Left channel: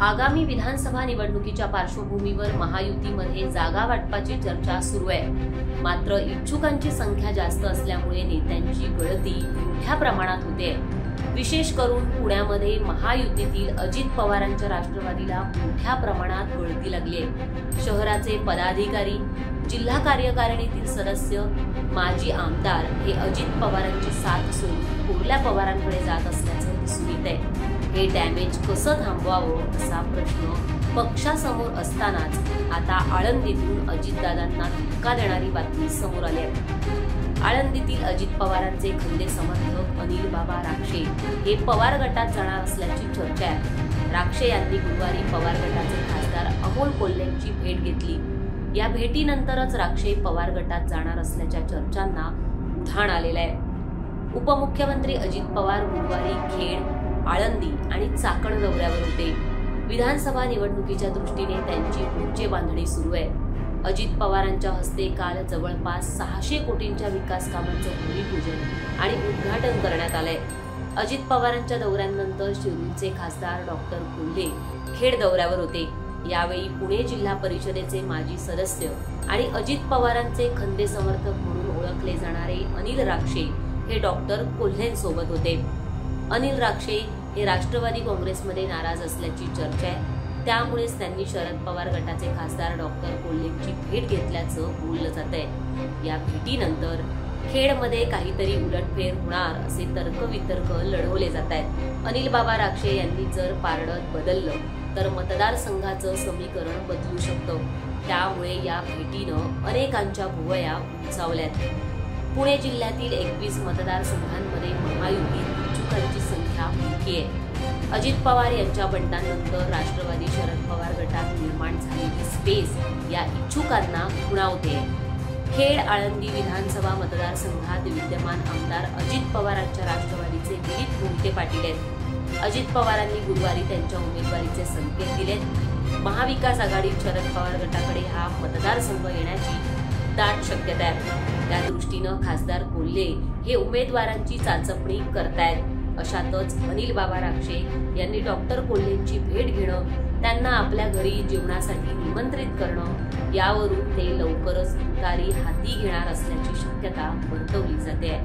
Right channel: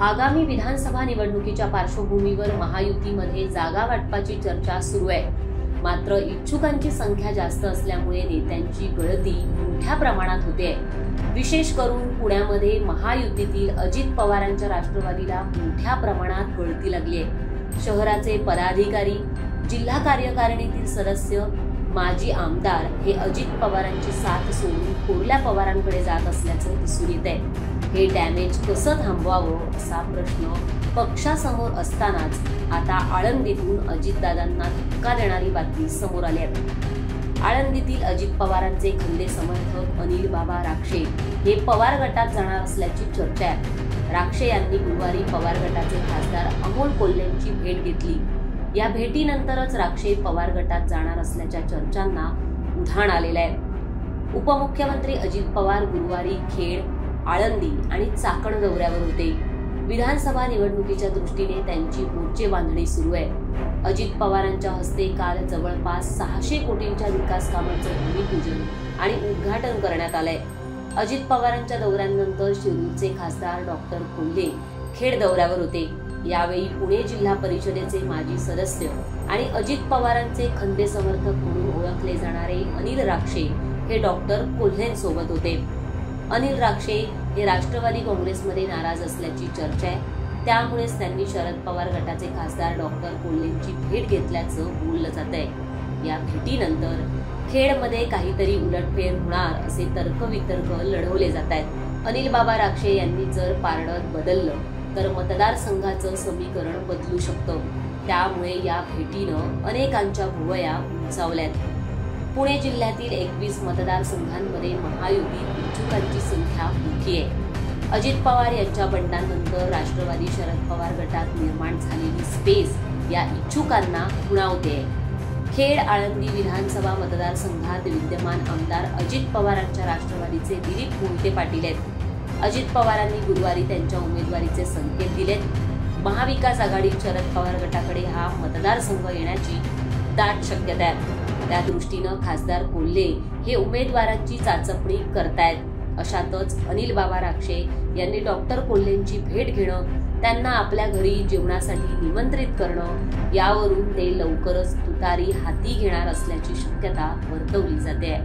आगामी विधानसभा निवडणुकीच्या पार्श्वभूमीवर महायुतीमध्ये जागा वाटपाची चर्चा सुरू आहे। मात्र इच्छुकांची संख्या जास्त असल्यामुळे नेत्यांची गळती मोठ्या प्रमाणात होते। विशेष करून पुण्यामध्ये महायुतीतील अजित पवारांच्या राष्ट्रवादीला मोठ्या प्रमाणात गळती लागली आहे। शहराचे पदाधिकारी, जिल्हा कार्यकारिणीतील सदस्य, माजी आमदार हे अजित पवारांची साथ सोडून थोरल्या पवारांकडे जात असल्याचं दिसून येत आहे। हे डॅमेज कसं थांबवावं असा प्रश्न पक्षासमोर असतानाच आता आळंदीतून अजितदादांना धक्का देणारी बातमी समोर आली आहे। आळंदीतील अजित पवारांचे खंदे समर्थक अनिल बाबा राक्षे हे पवार गटात जाणार असल्याची चर्चा आहे। राक्षे यांनी गुरुवारी पवार गटाचे खासदार अमोल कोल्हेंची भेट घेतली। या भेटीनंतरच राक्षे पवार गटात जाणार असल्याच्या चर्चांना उधाण आलेलं आहे। उपमुख्यमंत्री अजित पवार गुरुवारी खेड, आळंदी आणि चाकण दौऱ्यावर होते। विधानसभा निवडणुकीच्या दृष्टीने त्यांची मोर्चे बांधणी सुरू आहे। अजित पवारांच्या हस्ते काल जवळपास 600 कोटींच्या विकास कामांचं भूमिपूजन आणि उद्घाटन करण्यात आलंय। अजित पवारांच्या दौऱ्यानंतर शिरूरचे खासदार डॉक्टर कोल्हे खेड दौऱ्यावर होते। यावेळी पुणे जिल्हा परिषदेचे माजी सदस्य आणि अजित पवारांचे खंदे समर्थक म्हणून ओळखले जाणारे अनिल राक्षे हे डॉक्टर कोल्हेंसोबत होते। अनिल राक्षे हे राष्ट्रवादी काँग्रेसमध्ये नाराज असल्याची चर्चा आहे। त्यामुळेच त्यांनी शरद पवार गटाचे खासदार डॉक्टर कोल्हेंची भेट घेतल्याचं बोललं जात आहे। या भेटीनंतर खेडमध्ये काहीतरी उलटफेर होणार असे तर्कवितर्क लढवले जात आहेत। अनिल बाबा राक्षे यांनी जर पारडं बदललं तर मतदारसंघाचं समीकरण बदलू शकतं। त्यामुळे या भेटीनं अनेकांच्या भुवया उंचावल्यात। पुणे जिल्ह्यातील 21 मतदारसंघांमध्ये महायुतीत इच्छुकांची संख्या मोठी आहे। अजित पवार यांच्या बंडानंतर राष्ट्रवादी शरद पवार गटात निर्माण झालेली स्पेस या इच्छुकांना खुणावते। खेड, आळंदी विधानसभा मतदारसंघात विद्यमान आमदार अजित पवारांच्या राष्ट्रवादीचे दिलीप मोहिते पाटील आहेत। अजित पवारांनी गुरुवारी त्यांच्या उमेदवारीचे संकेत दिलेत। महाविकास आघाडीत शरद पवार गटाकडे हा मतदारसंघ येण्याची दाट शक्यता आहे। त्या दृष्टीनं खासदार कोल्हे हे उमेदवारांची चाचपणी करतायत। अशातच अनिल बाबा राक्षे यांनी डॉक्टर कोल्हेंची भेट घेणं, त्यांना आपल्या घरी जेवणासाठी निमंत्रित करणं, यावरून ते लवकरच तुतारी हाती घेणार असल्याची शक्यता वर्तवली जाते।